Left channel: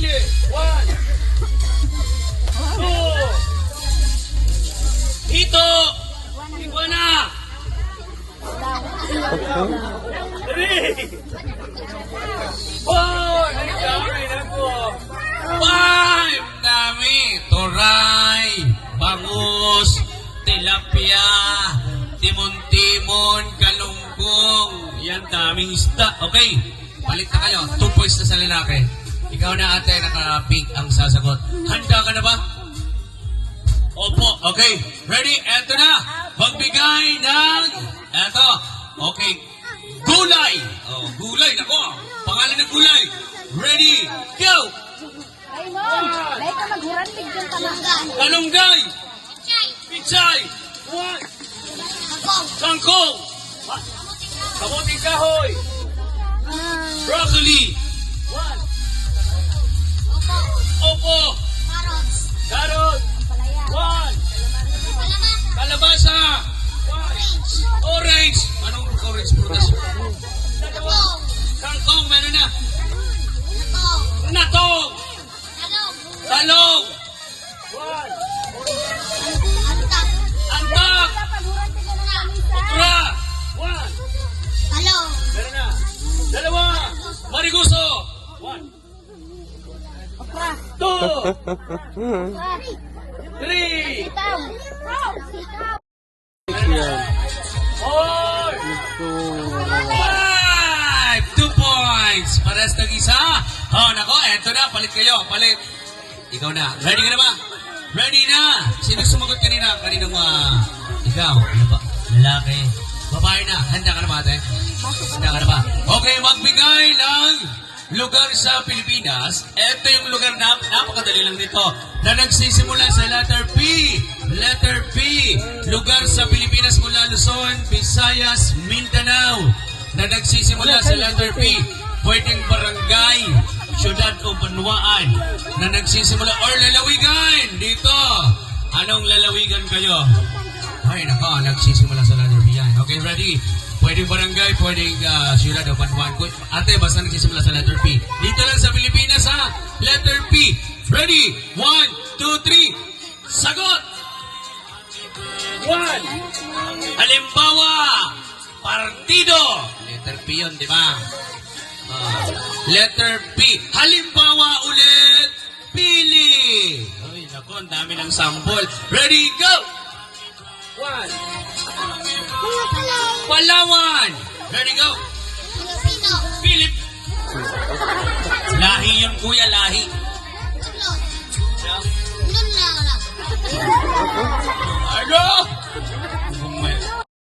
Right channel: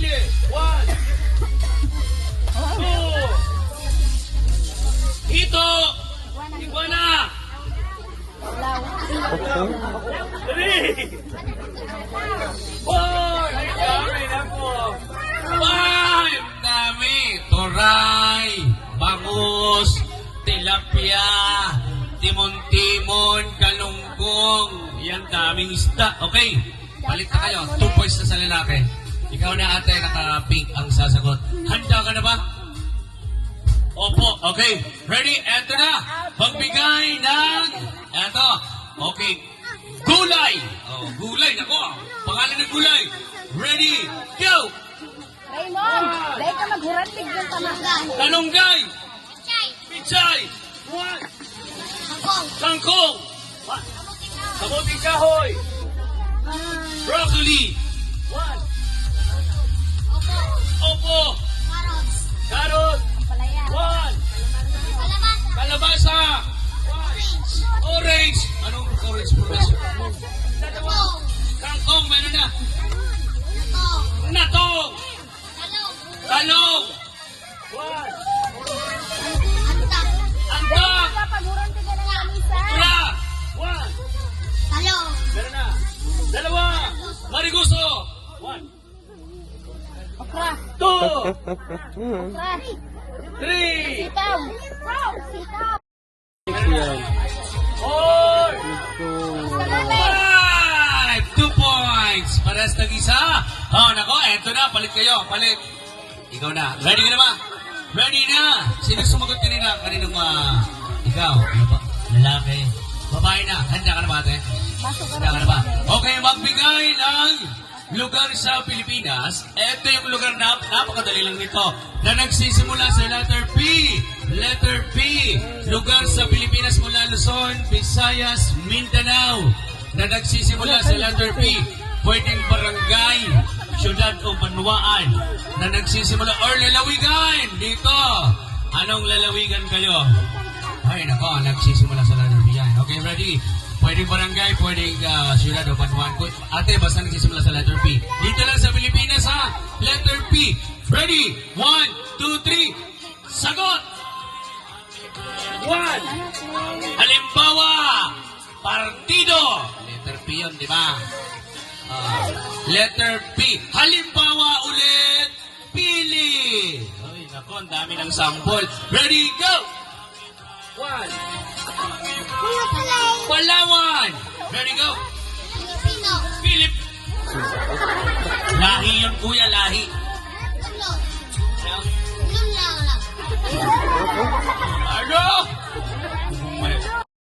Pili. 1, 2. Hito. Iguana. 3. 4. Ay, dami na po. 5. Dami. Toray. Bangus. Tilapia. Timon-timon. Kalungkong. Yan, daming isda. Okay. Balik na kayo. 2 points na sa lalaki. Ikaw na ate, naka-pink ang sasagot. Handa ka na ba? Opo. Okay. Ready? Eto na. Magbigay ng... Eto. Okay. Gulay. Oh, gulay. Nako. Pangalan ng gulay. Ready? Go! Raymond, dahil ka maghurandig yung tamagaan. Kalunggay. Pichay. 1. Kangkong. Kamuting kahoy. Broccoli. 1. Opo. Carrot. 1. Kalabasa. 1. Orange. Anong orange prutas? Kangkong. Meron na. Natong. Talong. 1. Antak. Okra. 1. Meron na. 2. Mariguso. 1. 2. 3. Yan. 4. Ito. 5. 2 points. Pares tag isa. Oh, nako. Eto na. Palit kayo. Palit. Ikaw na. Ready ka na ba? Ready na. Sino sumagot kanina? Kaninang ikaw. Lalaki. Babae na. Handa ka na ba, ate? Handa ka na ba? Okay, magbigay ng lugar sa Pilipinas. Ito yung lugar na napakadali lang nito. Na nagsisimula sa letter P. Letter P. Lugar sa Pilipinas mula Luzon, Visayas, Mindanao. Na nagsisimula sa letter P. Pwedeng barangay, syudad o banwaan. Na nagsisimula or lalawigan. Dito. Anong lalawigan kayo? Ay, nako, nagsisimula sa letter P yan. Okay, ready? Pwedeng barangay, pwedeng syudad o banwaan. Ate, basta nagsisimula sa letter P. Dito lang sa Pilipinas, ha? Letter P. Ready? 1, 2, 3. Sagot! 1. Halimbawa, partido. Letter P yun, di ba? Letter P. Halimbawa ulit, pili. Ay, naku, ang dami ng sample. Ready, go! 1. Palawan. Ready, go. Philip. Lahi yun, kuya, lahi.